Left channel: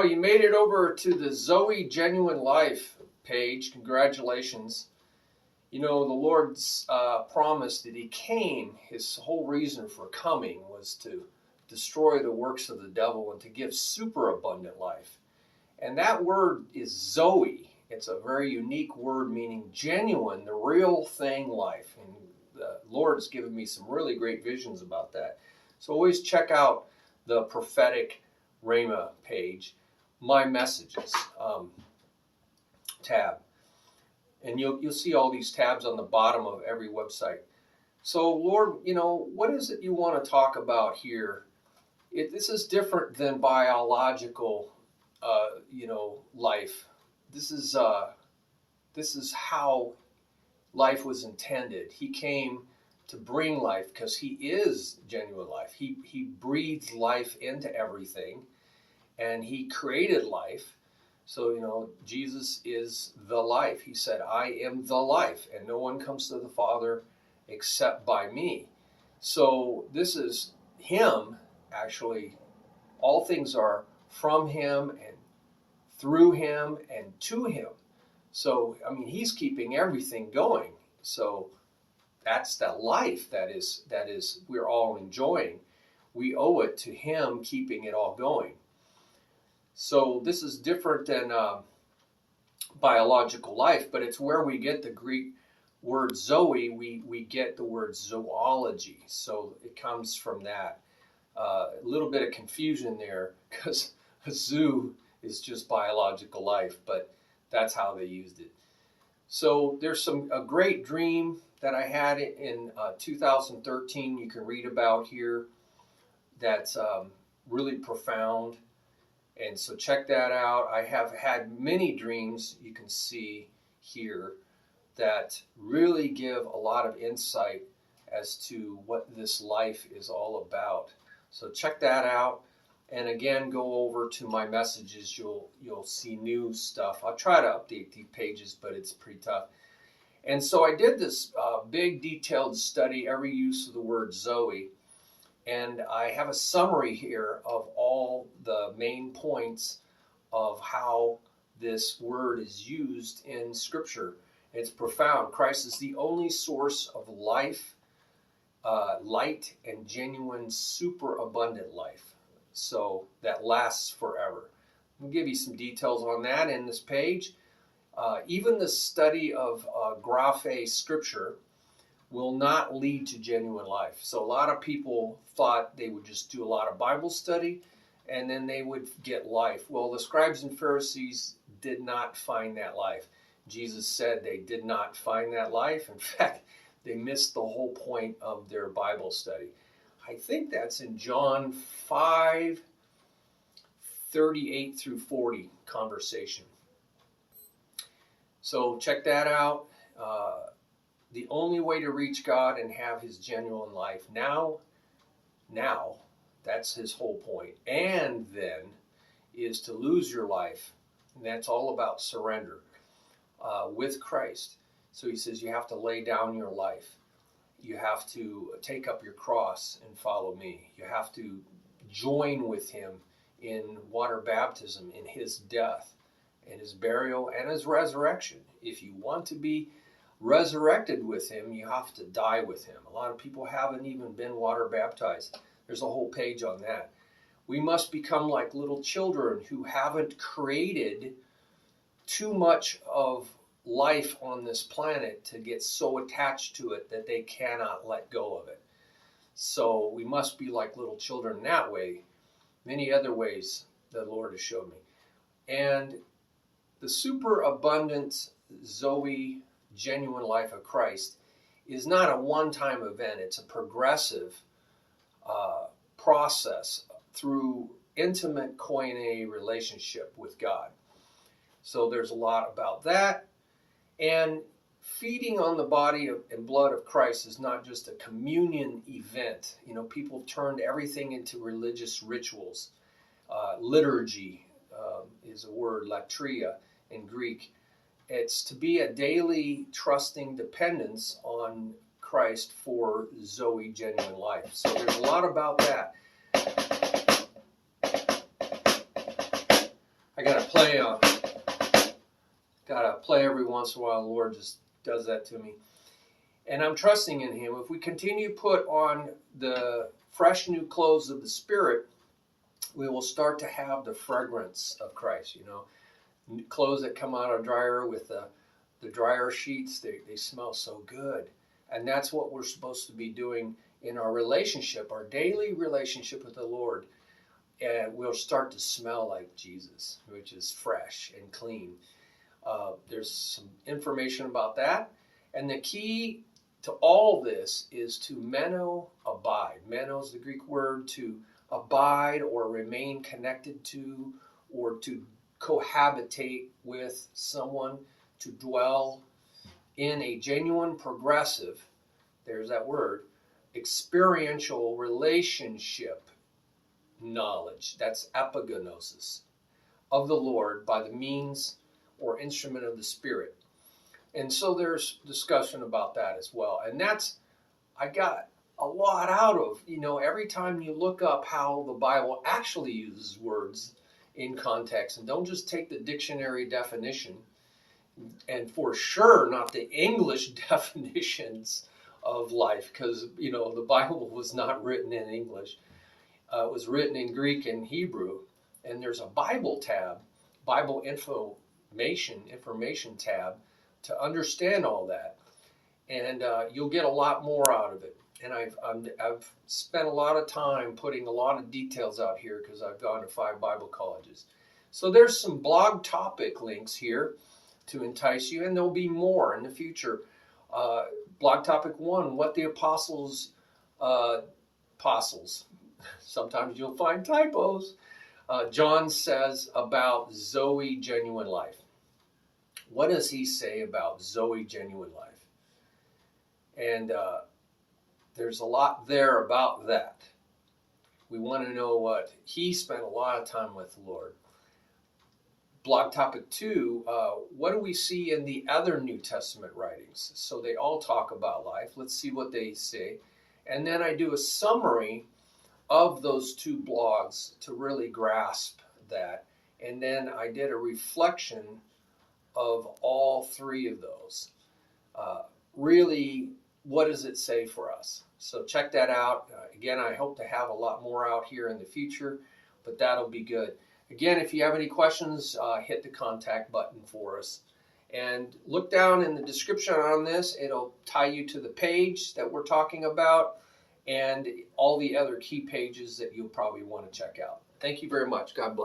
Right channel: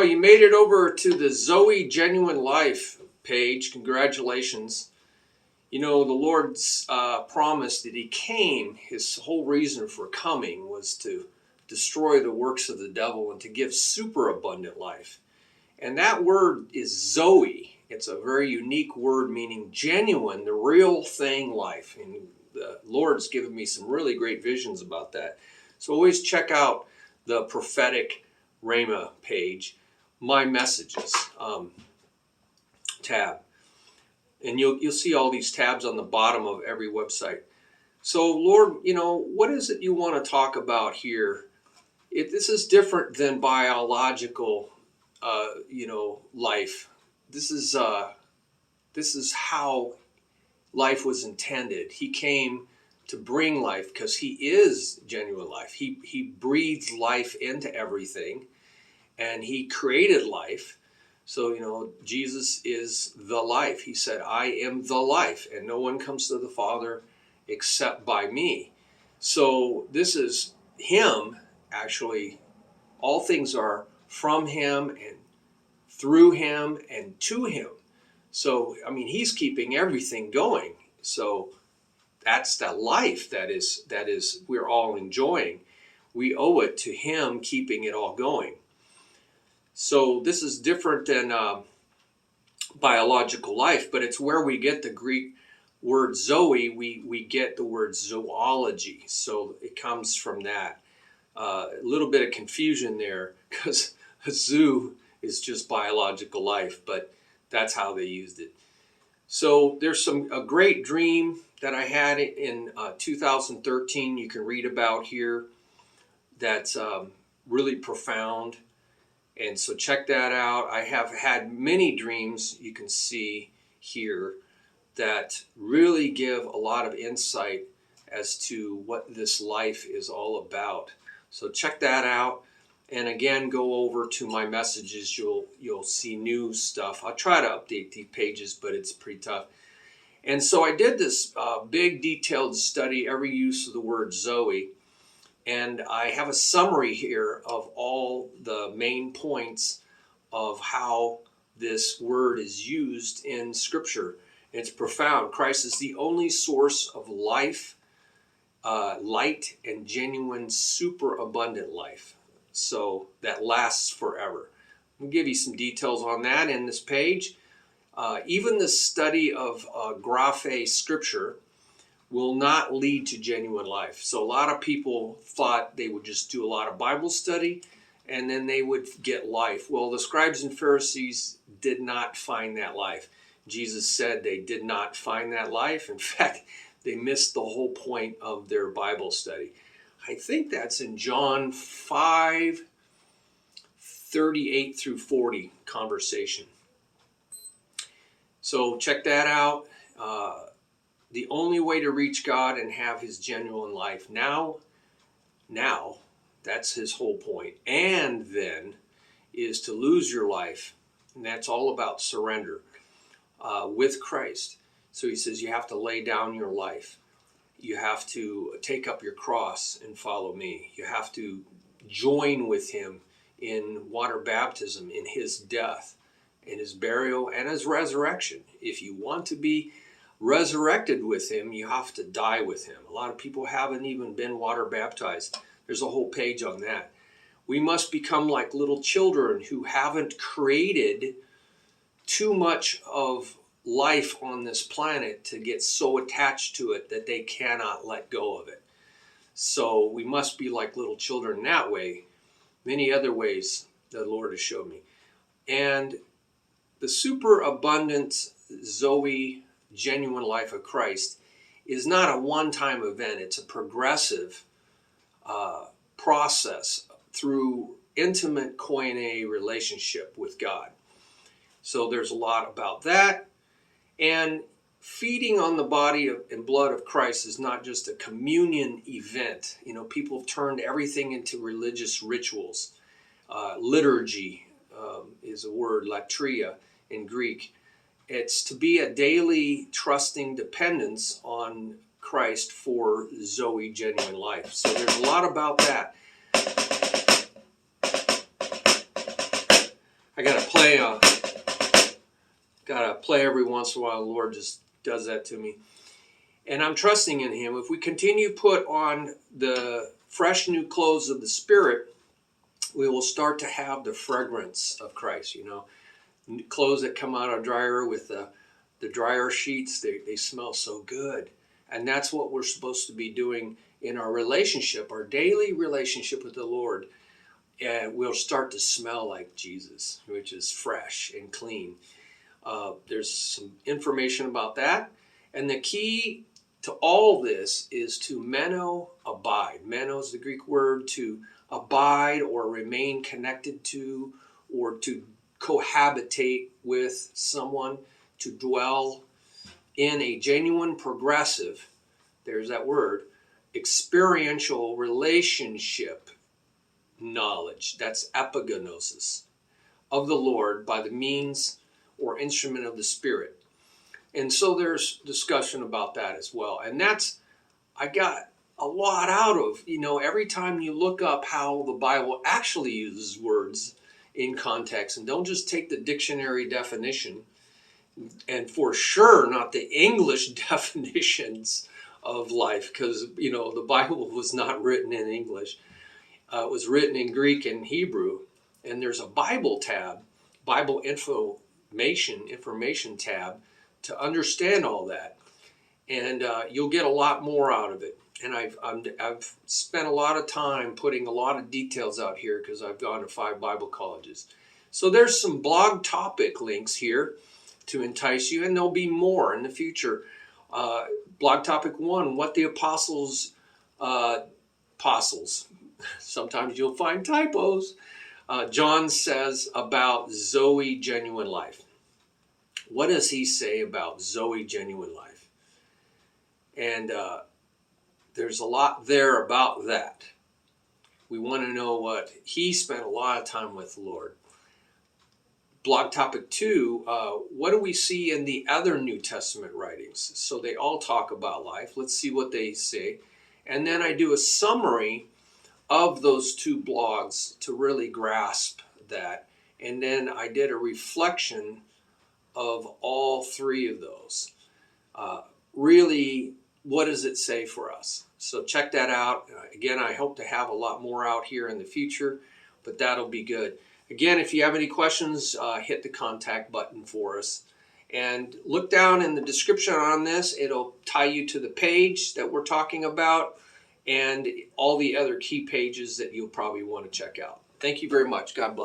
Well, you made it over to the Zoe Genuine-Life page. Congratulations. You know, the Lord's promised that he came, his whole reason for coming was to destroy the works of the devil and to give super abundant life. And that word is Zoe. It's a very unique word meaning genuine, the real thing life. And the Lord's given me some really great visions about that. So always check out the prophetic Rhema page, my messages tab. And you'll see all these tabs on the bottom of every website. So Lord, you know, what is it you want to talk about here? This is different than biological, life. This is how life was intended. He came to bring life because he is genuine life. He breathed life into everything, and he created life. So, you know, Jesus is the life. He said, I am the life, and no one comes to the Father except by me. So this is him, actually. All things are from him and through him and to him. So, I mean, he's keeping everything going. So that's that life that is we're all enjoying. We owe it to him keeping it all going. So this is different than biological life, but it's where we get the Greek word Zoe. We get the word zoology. So it comes from that. A little bit of confusion there because a zoo is just biological life, but that's how they used it. So there's a great dream that I had in 2013 you can read about here that's really profound. And so check that out. I have had many dreams you can see here that really give a lot of insight as to what this life is all about. So check that out. And again, go over to my messages. You'll see new stuff. I'll try to update these pages, but it's pretty tough. And so I did this big detailed study, every use of the word Zoe. And I have a summary here of all the main points of how this word is used in Scripture. It's profound. Christ is the only source of life, light, and genuine, super abundant life. So that lasts forever. I'll give you some details on that in this page. Even the study of graphe scripture will not lead to genuine life. So a lot of people thought they would just do a lot of Bible study and then they would get life. Well, the scribes and Pharisees did not find that life. Jesus said they did not find that life. In fact, they missed the whole point of their Bible study. I think that's in John 5:38 through 40 conversation. So check that out. The only way to reach God and have his genuine life now, that's his whole point. And then is to lose your life. And that's all about surrender with Christ. So he says you have to lay down your life. You have to take up your cross and follow me. You have to join with him in water baptism, in his death, in his burial, and his resurrection. If you want to be resurrected with him, you have to die with him. A lot of people haven't even been water baptized. There's a whole page on that. We must become like little children who haven't created too much of life on this planet to get so attached to it that they cannot let go of it. So we must be like little children in that way. Many other ways the Lord has showed me. And the super abundant Zoe Genuine Life of Christ is not a one-time event. It's a progressive process through intimate koine relationship with God. So there's a lot about that. And feeding on the body and blood of Christ is not just a communion event. You know, people have turned everything into religious rituals. Liturgy is a word, latria in Greek. It's to be a daily trusting dependence on Christ for Zoe Genuine Life. So there's a lot about that. I gotta play every once in a while. The Lord just does that to me. And I'm trusting in Him. If we continue to put on the fresh new clothes of the Spirit, we will start to have the fragrance of Christ. You know, clothes that come out of dryer with the dryer sheets, they smell so good. And that's what we're supposed to be doing in our relationship, our daily relationship with the Lord. And we'll start to smell like Jesus, which is fresh and clean. There's some information about that. And the key to all this is to abide. Meno is the Greek word to abide or remain connected to, or to cohabitate with someone, to dwell in a genuine, progressive, there's that word, experiential relationship knowledge. That's epignosis of the Lord by the means or instrument of the Spirit. And so there's discussion about that as well. And I got a lot out of, every time you look up how the Bible actually uses words in context, and don't just take the dictionary definition, and for sure not the English definitions of life, because, the Bible was not written in English. It was written in Greek and Hebrew. And there's a Bible tab, Bible information tab, to understand all that, and you'll get a lot more out of it. And I've spent a lot of time putting a lot of details out here because I've gone to 5 Bible colleges. So there's some blog topic links here to entice you, and there'll be more in the future. Blog topic 1: what the apostles. Sometimes you'll find typos. John says about Zoe Genuine-Life. What does he say about Zoe Genuine-Life? And there's a lot there about that. We want to know what he spent a lot of time with the Lord. Blog topic 2, what do we see in the other New Testament writings? So they all talk about life. Let's see what they say. And then I do a summary of those 2 blogs to really grasp that. And then I did a reflection of all 3 of those. Really, what does it say for us? So check that out. Again, I hope to have a lot more out here in the future, but that'll be good. Again, if you have any questions, hit the contact button for us. And look down in the description on this. It'll tie you to the page that we're talking about and all the other key pages that you'll probably want to check out. Thank you very much. God bless.